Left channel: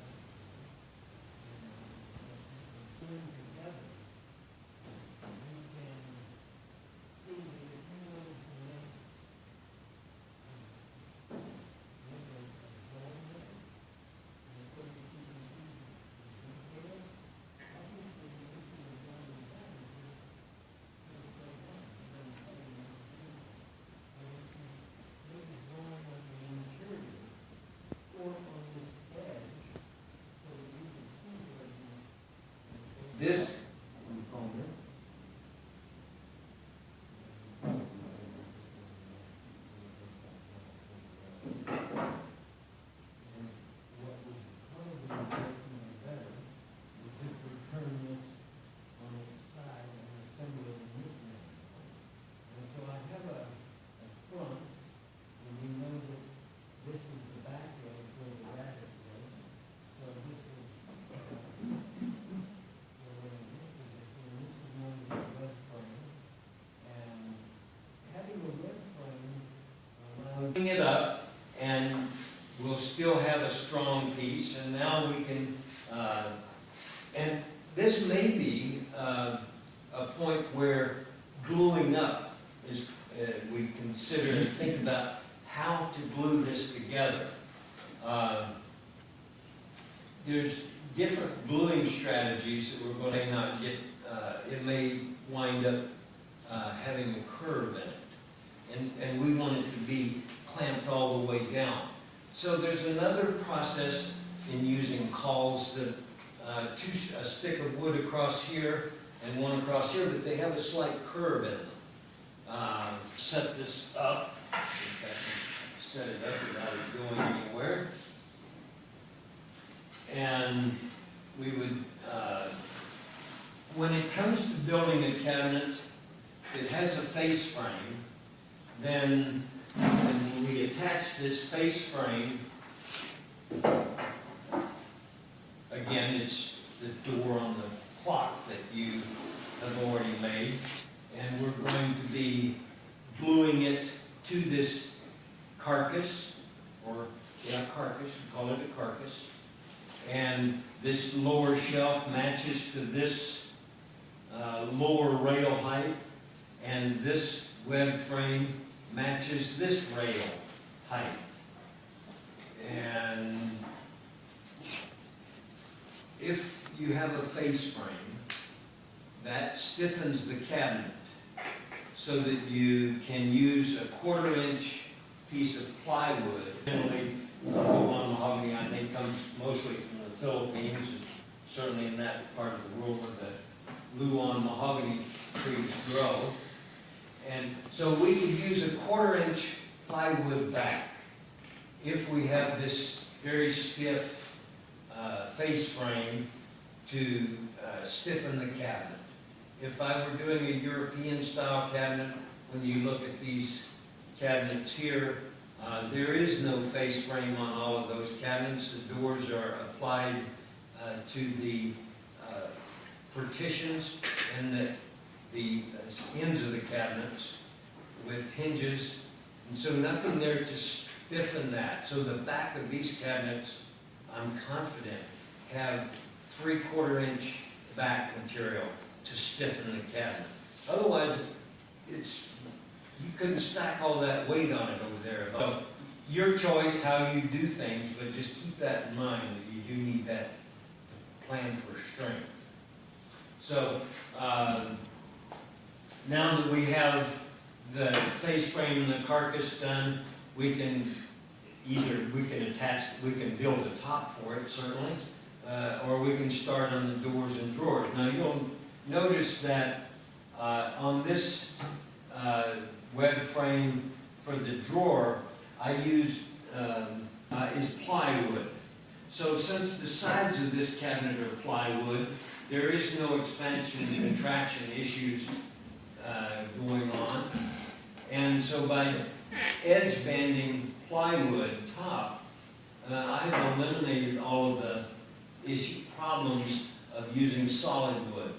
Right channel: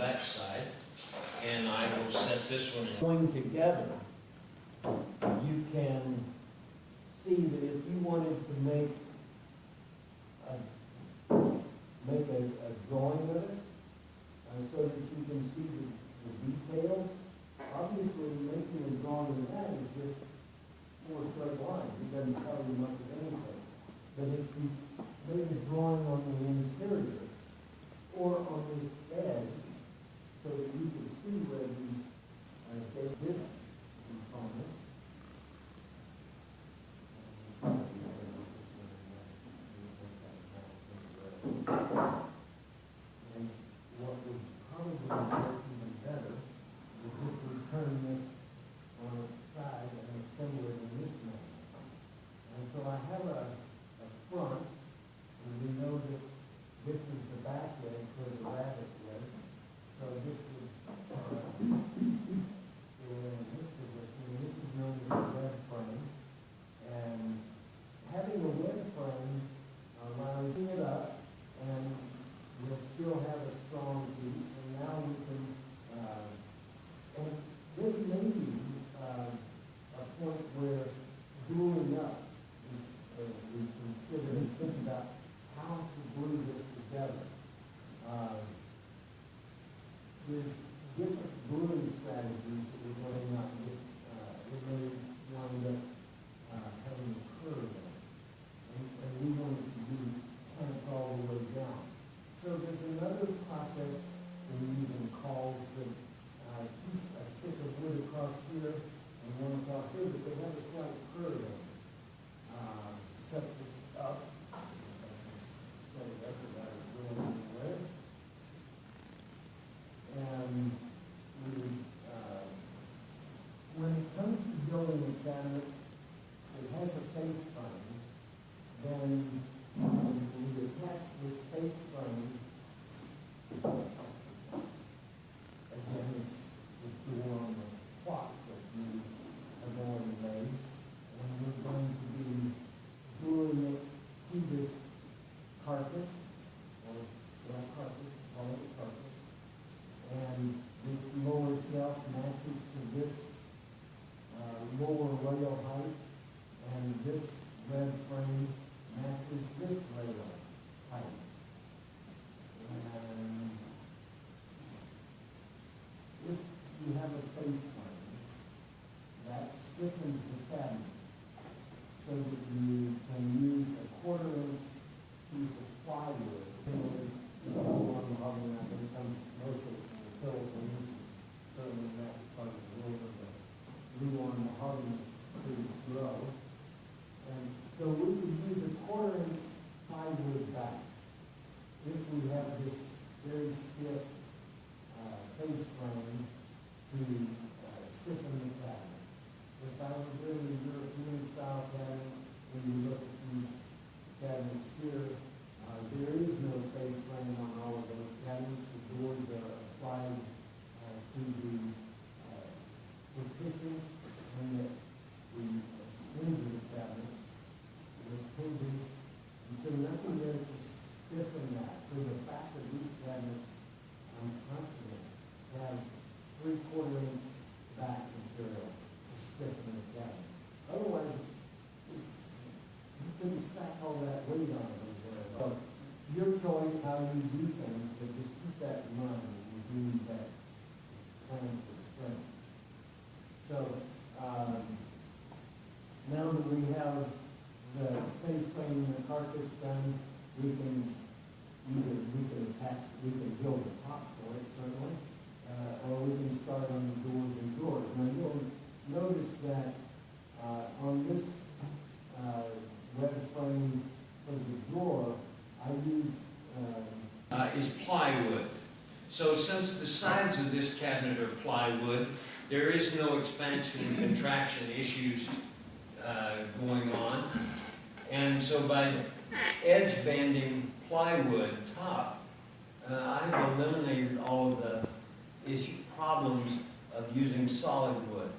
that side, and I will set this one in. Going together, you can see that if you wanted to make a drawing of it, so that you can see the details. Obviously, making a drawing of that is just four straight lines. It doesn't tell you much of anything. But if you made a drawing on the interior or on this edge, so that you can see where this component and what would probably work even better is if we turn this on its side and assemble it in this manner. And so I have a front, and we know that this is the back edge where the rabbit was. So this is known as a web frame, and having a web frame allows Bring it up, and we'll still have a strong piece, and now we can, and this may be a point where gluing up is, we consider and think about how to glue this together. There's different gluing strategies that we're going to not get. It may wind up having a curve in it, and we want it to be clamped all the way down. So there's another process in using cauls that a stick of wood across here and one across here, but they have a slight curve in them. Set this up. If I can set it up without it going anywhere. And we would, when it comes to building a cabinet, it has a face frame. Then when we attach this face frame, again, it's the door on the clock that you have already made. And we're going to be gluing it to this carcass, or carcass, we call it a carcass. And this lower shelf matches to this lower rail height, and this web frame matches this rail height. And if you have a face frame, that stiffens the cabinet so that you can use a 1/4 inch piece of plywood. Generally, on mahogany, I think, comes mostly from the Philippines, certainly in that part of the world where the Luan mahogany trees grow. And so we could use a 1/4 inch plywood back if we have this very stiff face frame to stiffen the cabinet. If I were doing a European style cabinet, when you look at these cabinets here, there is no face frame on all of those cabinets. The doors are applied to the partitions and the ends of the cabinets with hinges, and so nothing there to stiffen that. So the back of these cabinets, I'm confident, have 3/4 inch back material to stiffen the cabinet. Otherwise, you couldn't stack all that weight on it over there. So your choice how you do things, but just keep that in mind that you do need that plan for strength. So now that we have the face frame and the carcass done, we can build a top for it, certainly, or we can start on the doors and drawers. Now you'll notice that on this web frame for the drawer, I used is plywood. So since the sides of this cabinet are plywood, there is no expansion and contraction issues going on. And so by edge banding plywood top, I have eliminated all of the problems of using solid wood.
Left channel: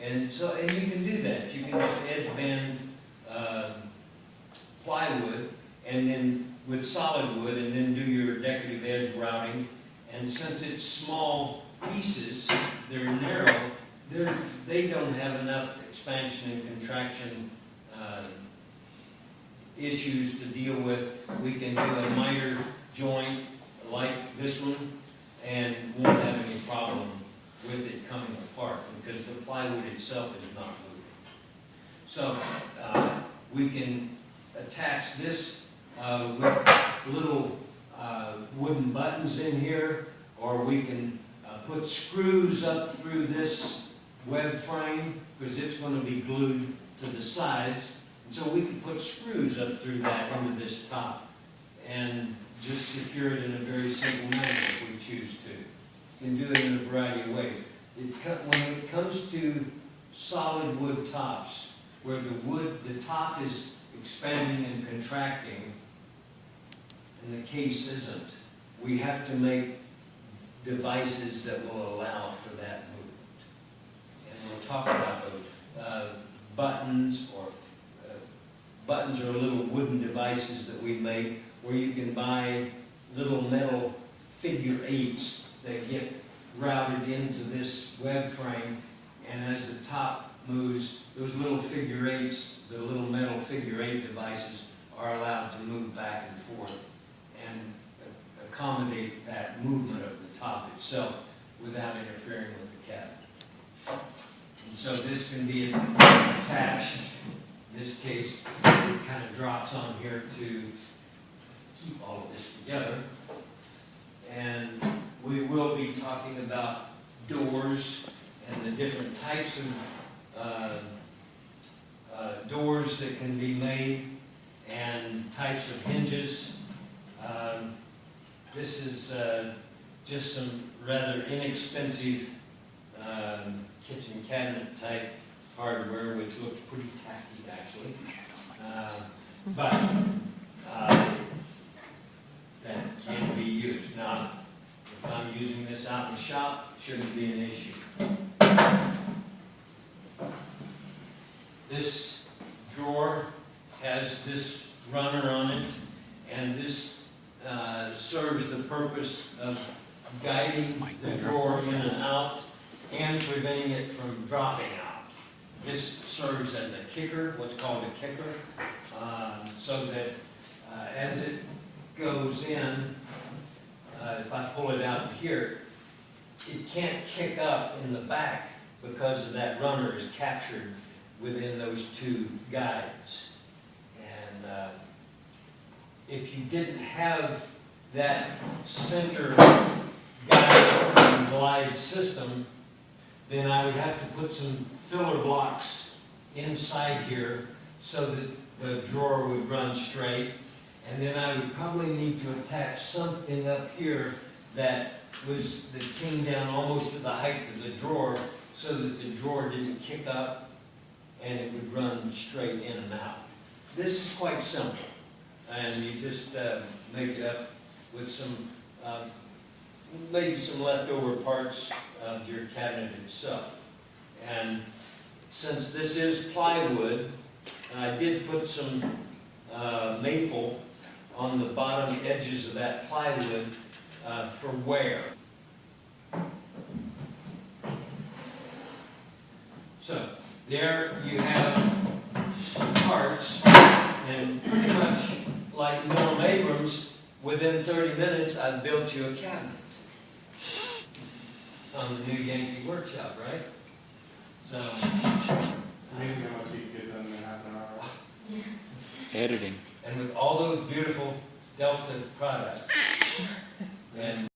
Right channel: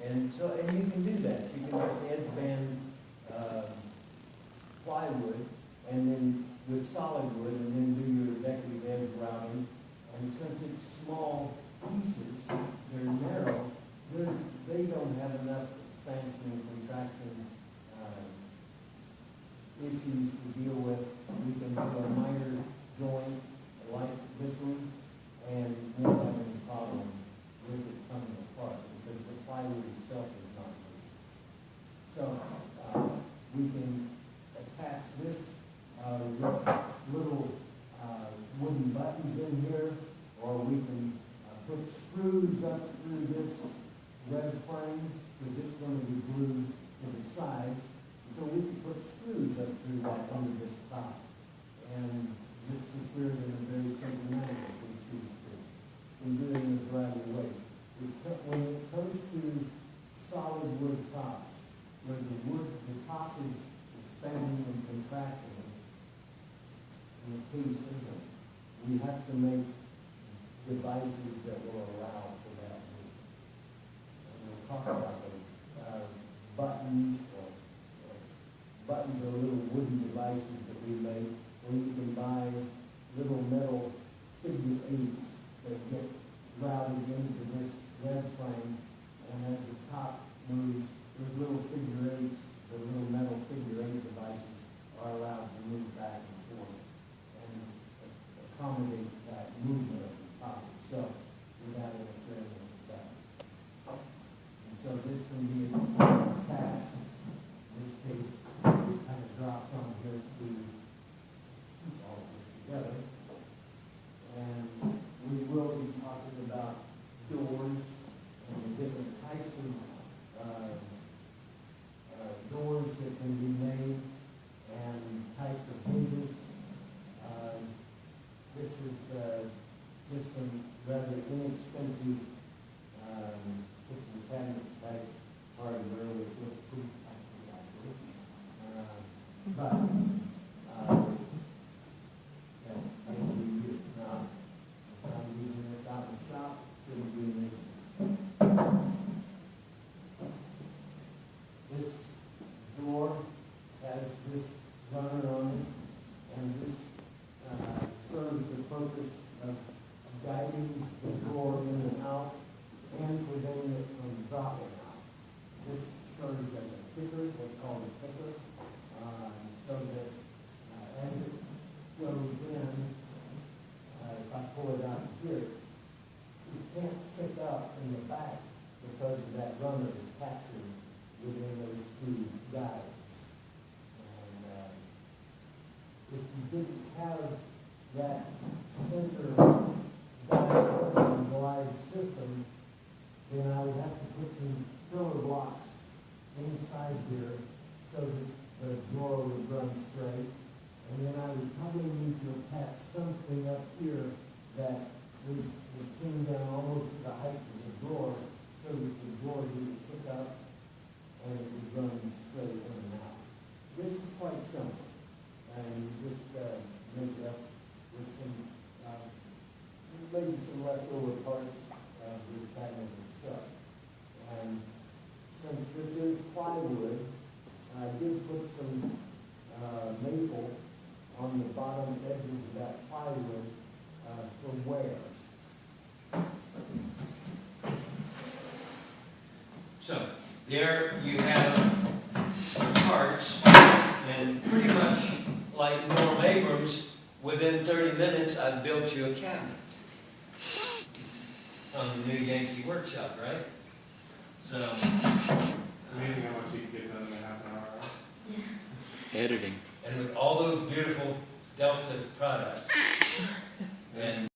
And you can do that. You can just edge band plywood and then with solid wood, and then do your decorative edge routing And since it's small pieces, they're narrow, they don't have enough expansion and contraction issues to deal with. We can do a minor joint like this one and won't have any problem with it coming apart because the plywood itself is not moving. So we can attach this with little wooden buttons in here, or we can put screws up through this web frame because it's going to be glued to the sides. And so we can put screws up through that into this top and just secure it in a very simple manner if we choose to. You can do it in a variety of ways. When it comes to solid wood tops, where the top is expanding and contracting, and the case isn't, we have to make devices that will allow for that movement. And we'll talk about those. Buttons are little wooden devices that we make where you can buy little metal figure eights that get routed into this web frame, and as the top moves, those little figure eights, the little metal figure eight devices, are allowed to move back and forth and accommodate that movement of the top itself without interfering with the cabinet. And so this can be attached. In this case, it kind of drops on here to keep all of this together. And we will be talking about doors and the different types of doors that can be made and types of hinges. This is just some rather inexpensive kitchen cabinet type hardware, which looks pretty tacky actually. But that can be used. Now, if I'm using this out in the shop, it shouldn't be an issue. This drawer has this runner on it, and this serves the purpose of guiding the drawer in and out and preventing it from dropping out. This serves as a kicker, what's called a kicker, so that as it goes in, if I pull it out to here, it can't kick up in the back because of that runner is captured within those two guides. And if you didn't have that center guide and glide system, then I would have to put some filler blocks inside here so that the drawer would run straight. And then I would probably need to attach something up here that came down almost to the height of the drawer so that the drawer didn't kick up and it would run straight in and out. This is quite simple, and you just make it up with some, maybe some leftover parts of your cabinet itself. And since this is plywood, I did put some maple on the bottom edges of that plywood for wear. So there you have parts, and pretty much like Norm Abrams, within 30 minutes I've built you a cabinet on the new Yankee workshop, right? So Amazing how much you can get done in half an hour. Editing. and with all those beautiful Delta products and